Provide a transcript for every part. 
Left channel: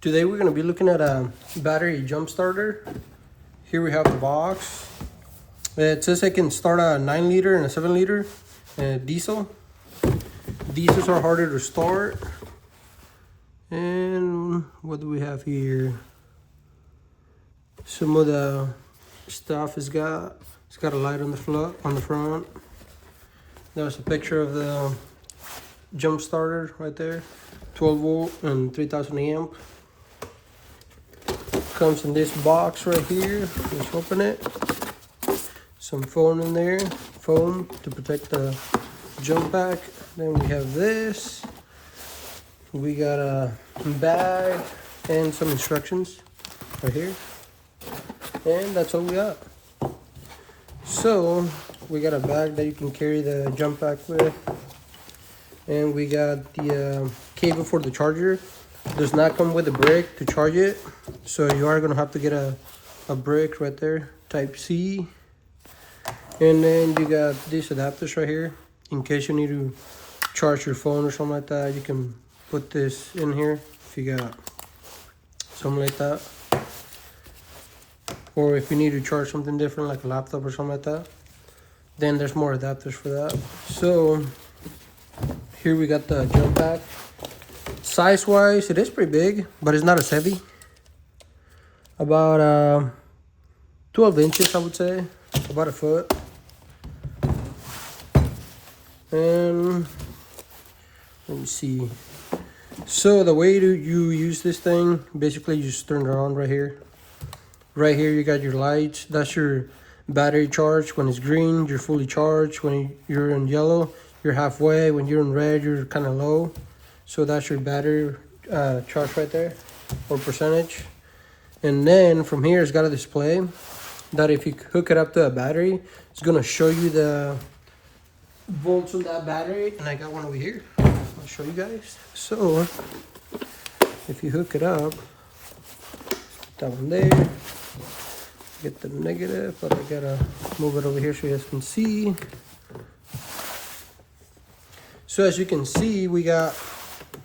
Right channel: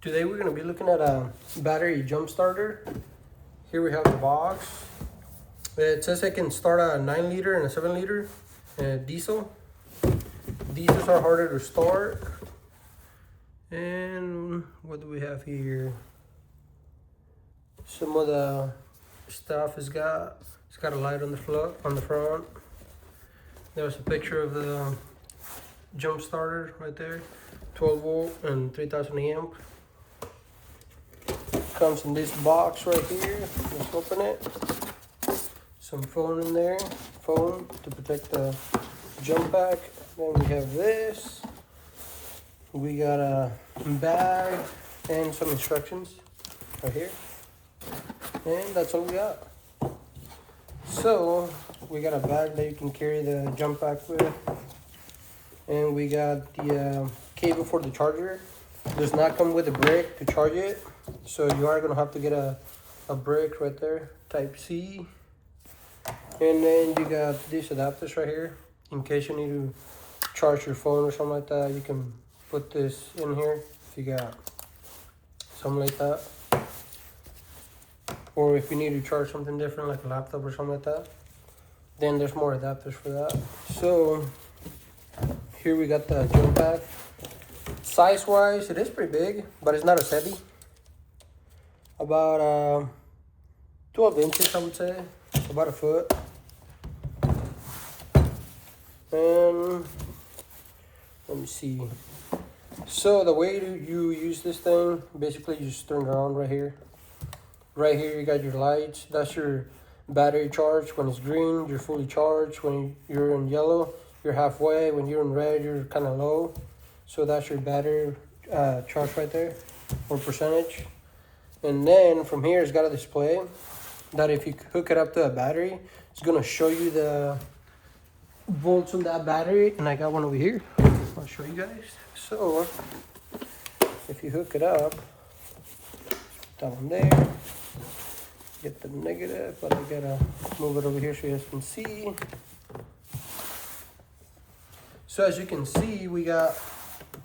Today we're going to be looking at a battery jump starter. Here we have a box. It says it can start a 9 liter and a 7 liter diesel. Diesels are harder to start. And what do we have here? Some of the stuff it's got a light on the front. There's a picture of the jump starter right there. 12 volt and 3000 amp. Comes in this box right here. Just open it. Some foam in there, foam to protect the jump pack. Then we have this. We got a bag and some instructions right here. And that's all we got. So we got a bag that you can carry the jump pack with. And we got the cable for the charger. Does not come with a brick to charge it, so you are gonna have to get a brick right there, type C. And then you got these adapters right here in case you need to charge your phone or something like that. You can put this in here if you got something like that, or if you need to charge something different like a laptop or something like that, then there's more adapters for that. So here we got the jump pack. Size wise, it is pretty big, but it's not as heavy. About 12 inches, I would say, about a foot. And let me see. So the way you use this thing, basically you just turn it on right here. Right here you got your lights. That's your battery charge. When it's green, you're fully charged. When you're in yellow, you're halfway. When you're in red, you're kind of low. So that's your battery charge right there, or percentage. And then from here, it's got a display that if you hook it up to a battery, it's gonna show you the volts on that battery. And I got one over here. I'll show you guys. So if you hook it up, down there, get the negative, but I gotta move it over here so you guys can see. So as you can see, we got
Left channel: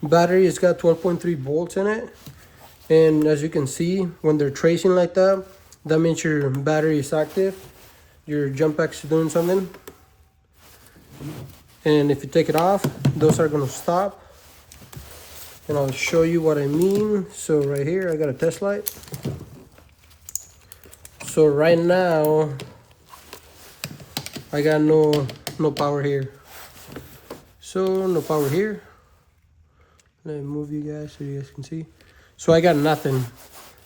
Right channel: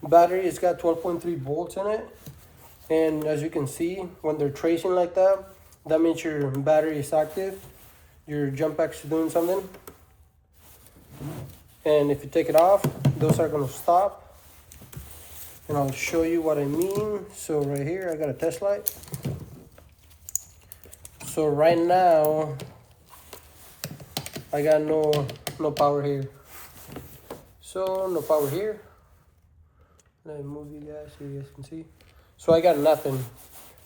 battery, it's got 12.3 volts in it. And as you can see, when they're tracing like that, that means your battery is active. Your jump pack's doing something. And if you take it off, those are gonna stop. And I'll show you what I mean. So right here, I got a test light. So right now, I got no power here. So no power here. Let me move you guys so you guys can see. So I got nothing.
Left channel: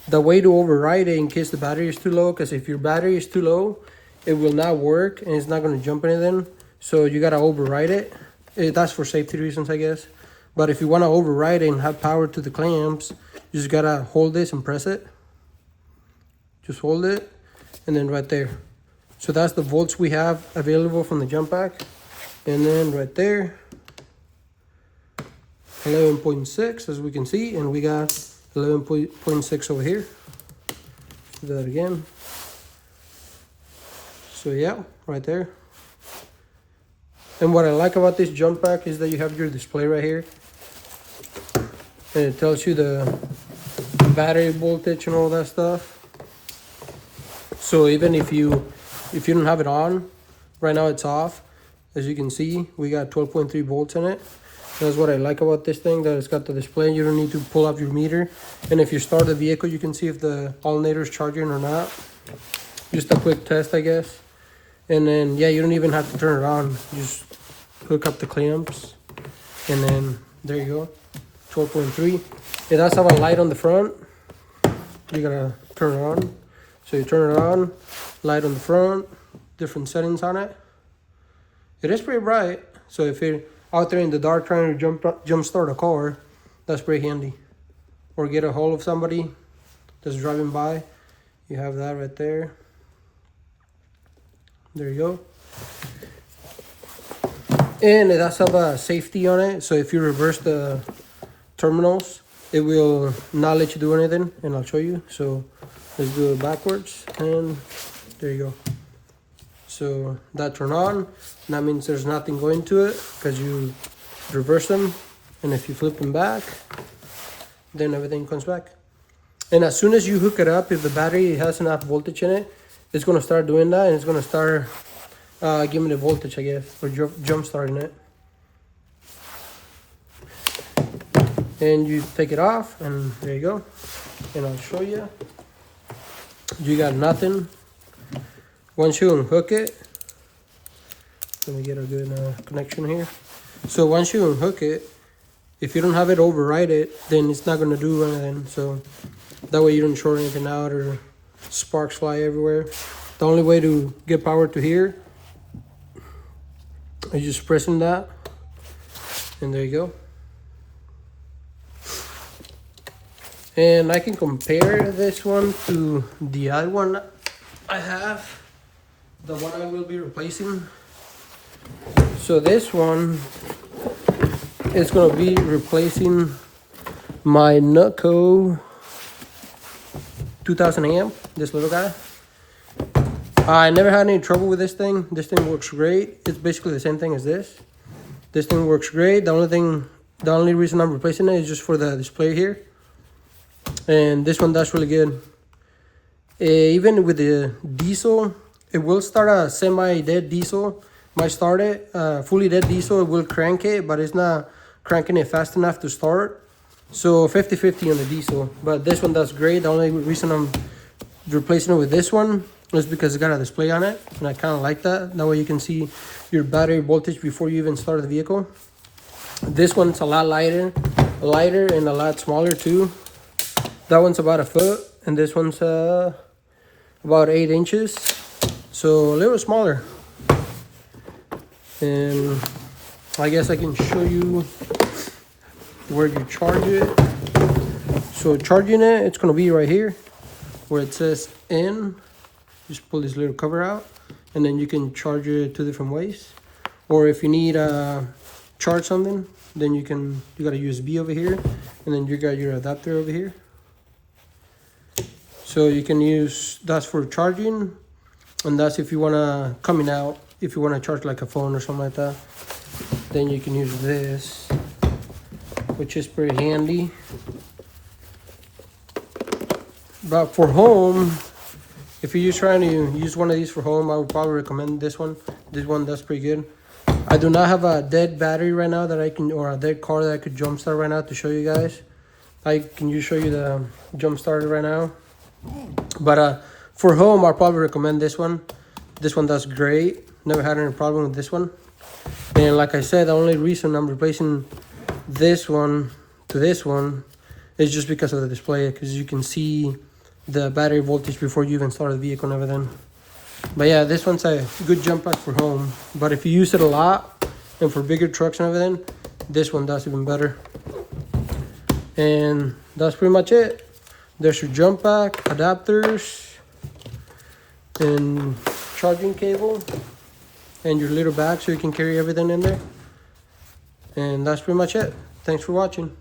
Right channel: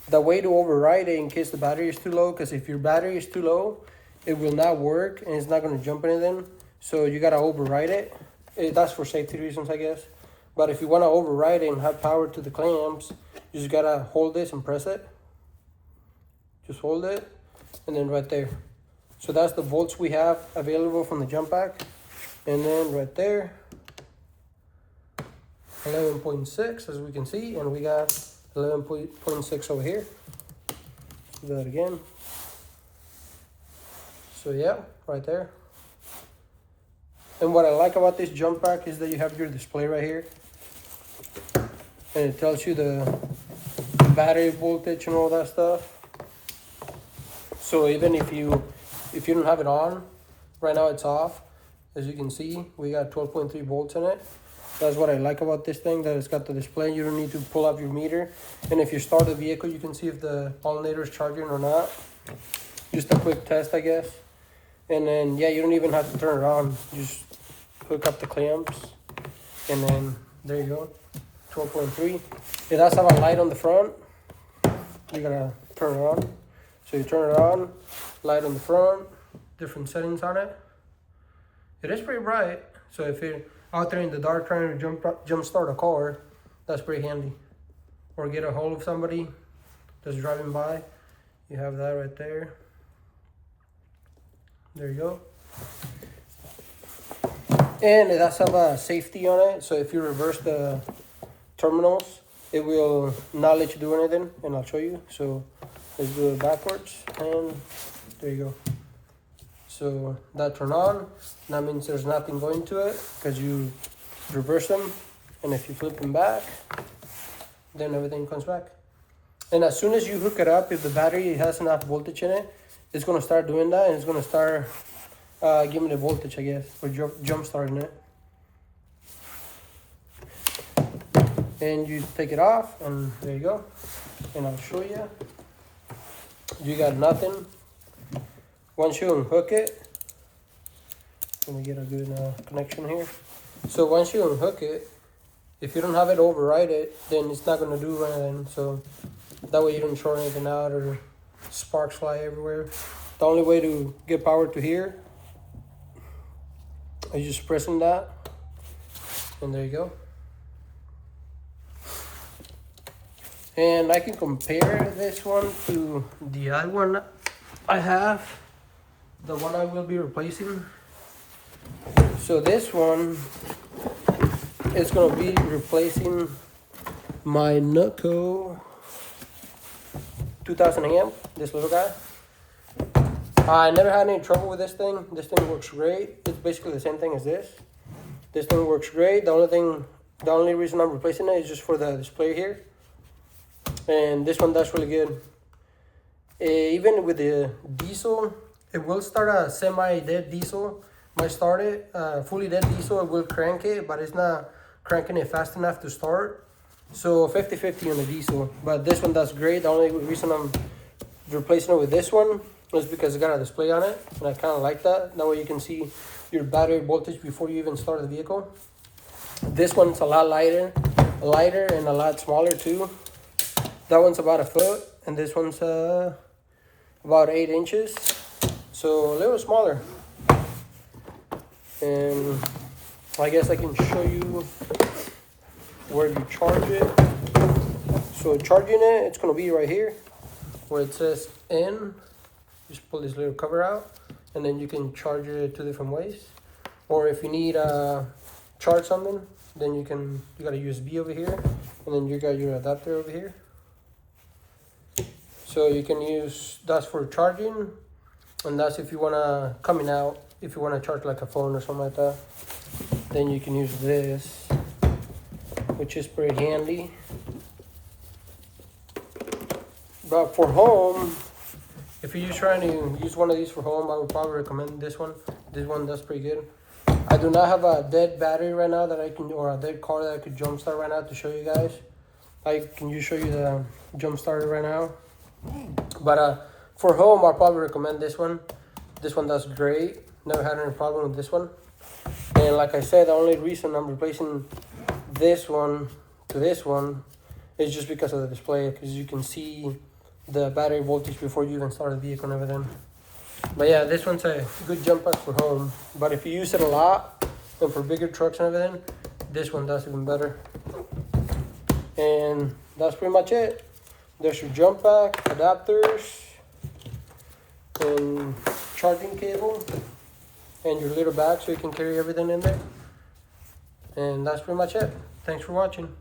The way to override it in case the battery is too low, because if your battery is too low, it will not work and it's not going to jump anything. So you got to override it. That's for safety reasons, I guess. But if you want to override it and have power to the clamps, you just got to hold this and press it. Just hold it and then right there. So that's the volts we have available from the jump pack. And then right there, 11.6 as we can see, and we got 11.6 over here. Do that again. So yeah, right there. And what I like about this jump pack is that you have your display right here, and it tells you the battery voltage and all that stuff. So even if you don't have it on, right now it's off. As you can see, we got 12.3 volts in it. That's what I like about this thing, that it's got the display. You don't need to pull up your meter. And if you start the vehicle, you can see if the alternator is charging or not. Just a quick test, I guess. And then, yeah, you don't even have to turn it on. You just hook up the clamps. And then, there you go, 12.3. It does have a light on the front. You gotta turn it on. So you turn it on, light on the front, different settings on it. It is pretty bright. So if you're out there in the dark trying to jump start a car, that's pretty handy. Or get a hold of somebody that's driving by. You have that right there. There you go. And it does have a safety on it. So if you reverse the terminals, it will not let you do anything. And I'll show you. So let's do it backwards. And there you go. So that turn on, that means there's nothing going to it because you reverse them. And if you flip them back, then everything comes back. And as soon as you hook it up, if the battery has enough voltage in it, it's gonna start doing that, and it's gonna start giving it voltage, I guess, or jump starting it. And you take it off, and there you go. And I'll show you. You got nothing. Once you unhook it, let me get a good connection here. So once you unhook it, if you don't have it override it, then it's not gonna do anything. So that way you don't short anything out or sparks fly everywhere. The only way to get power to here is just pressing that, and there you go. And I can compare this one to the other one I have, the one I will be replacing. So this one is going to be replacing my NOCO 2000 amp, this little guy. I never had any trouble with this thing. This thing works great. It's basically the same thing as this. This thing works great. The only reason I'm replacing it is just for the display here. And this one does really good. Even with the diesel, it will start a semi-dead diesel. Might start it fully dead diesel. It will crank it, but it's not cranking it fast enough to start. So 50-50 on the diesel. But this one does great. The only reason I'm replacing it with this one is because it got a display on it, and I kind of like that. That way you can see your battery voltage before you even start the vehicle. This one's a lot lighter and a lot smaller too. That one's about 1 foot, and this one's about 8 inches, so a little smaller. And I guess I can show you where you charge it. So charging it, it's gonna be right here where it says N. Just pull this little cover out, and then you can charge it 2 different ways. Or if you need charge something, then you got a USB over here, and then you got your adapter over here. So you can use that's for charging, and that's if you wanna coming out, if you wanna charge like a phone or something like that. Then you can use this, which is pretty handy. But for home, if you're just trying to use one of these for home, I would probably recommend this one. This one does pretty good. I do not have a dead battery right now that I can, or a dead car that I could jump start right now to show you guys. I can just show you the jump starter right now. But for home, I'll probably recommend this one. This one does great. Never had any problem with this one. And like I said, the only reason I'm replacing this one to this one is just because of the display, because you can see the battery voltage before you even start the vehicle and everything. But yeah, this one's a good jump pack for home. But if you use it a lot and for bigger trucks and everything, this one does even better. And that's pretty much it. There's your jump pack, adapters, and charging cable, and your little bag so you can carry everything in there. And that's pretty much it. Thanks for watching.